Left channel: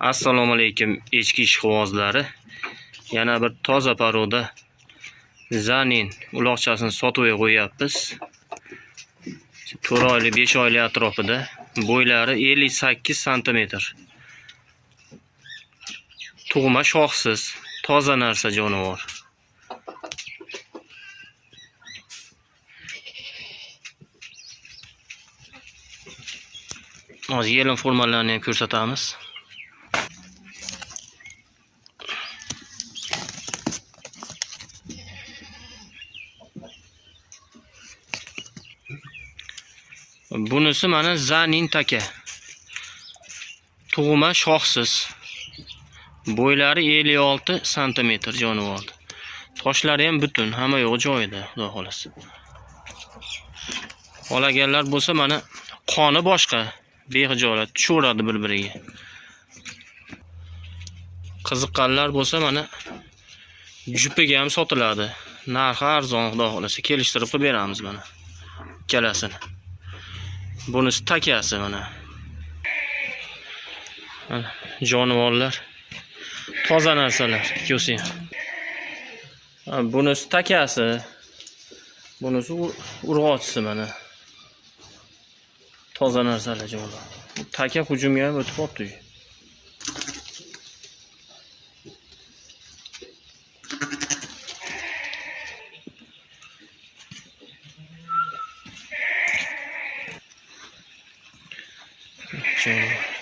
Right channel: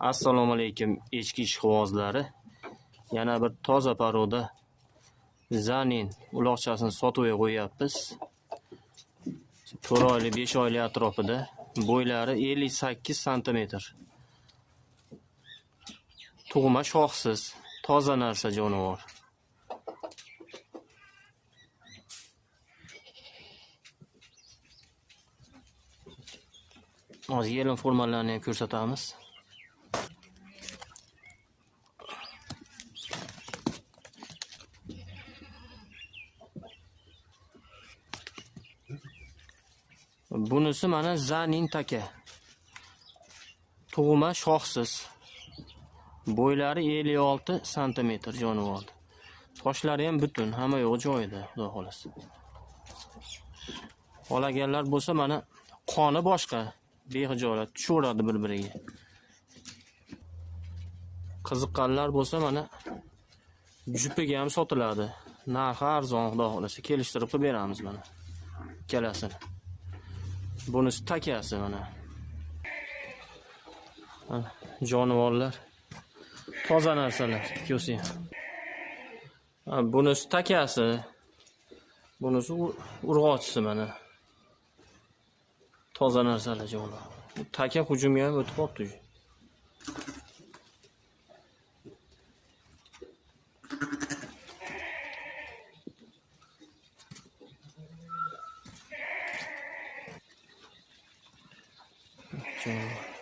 Assalomu alaykum echki ishqibozlari. Yana bir toza paroda zanin uloqchasini sotuvga qo'yapmiz. 4 oylik 5 oylik atrofida. Bo'ylari 58 sm. Tug'ma shoxsiz, toza narsa jonivor. Hozir yelin formalarini ham ko'rsatamiz. Bunisi mana zanin taka. Tug'ma shoxsiz. Bo'ylari 56 sm jonivor. Toshlari ham butun, hamma yo'g'i joyida, xudo xolasa. Olaganlar bo'lsa mana qoni boshqa, behijolat tushaveradi bir-biriga. Qiziqqanlar bo'lsa mana jupiga ham sotiladi. Narxi arzon, xudo xolasa kelishtirib qilib beramiz mana. Ikkalasini. Bunisi takasi mana. Jonivorlar. Toza narsalar, ko'rsing. Bunisi takasi. Bunisi urg'ochisi mana. Toza narsalar jonivor. Taka hujumga ham o'tib qopti. Jonivor.